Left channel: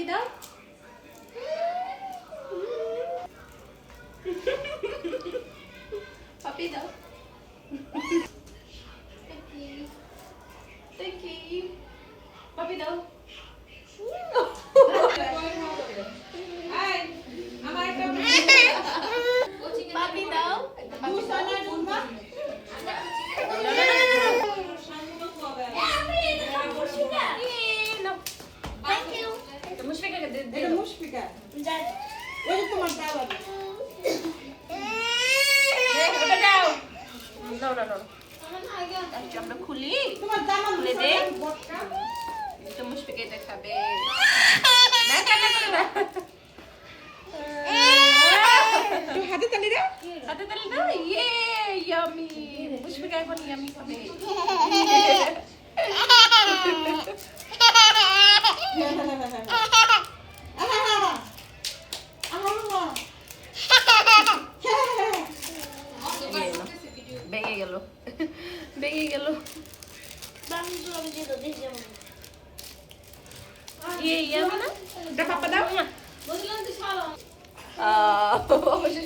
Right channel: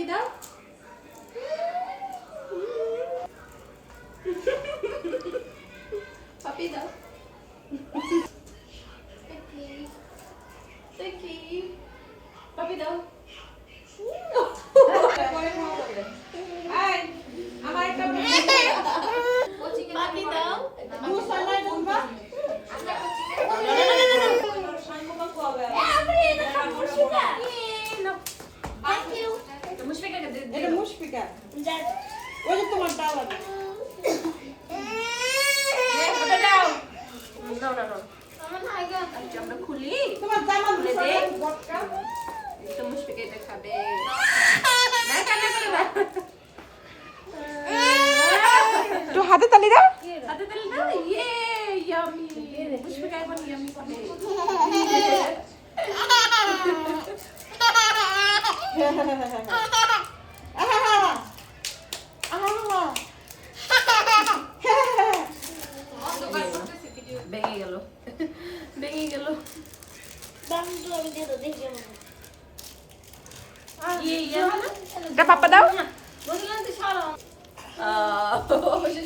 পাপি দাও। পাপি দাও। পাপি দাও। পাপি দাও। এটা মুশফিকা ওই যে তোমার দাওয়া আমরা খুলি তোমার জামা খুলে দে। বটকা তো মুশফিকা এটা খাবে। একটু হাতে তালি দাও হাতে তালি দাও। ইয়ে ইয়ামি। মুশফিকা এখন ইয়ামি খাবে। ভেঙে গেল ভেঙে গেল। ইয়ে ইয়ামি না এটা পাপা দাও।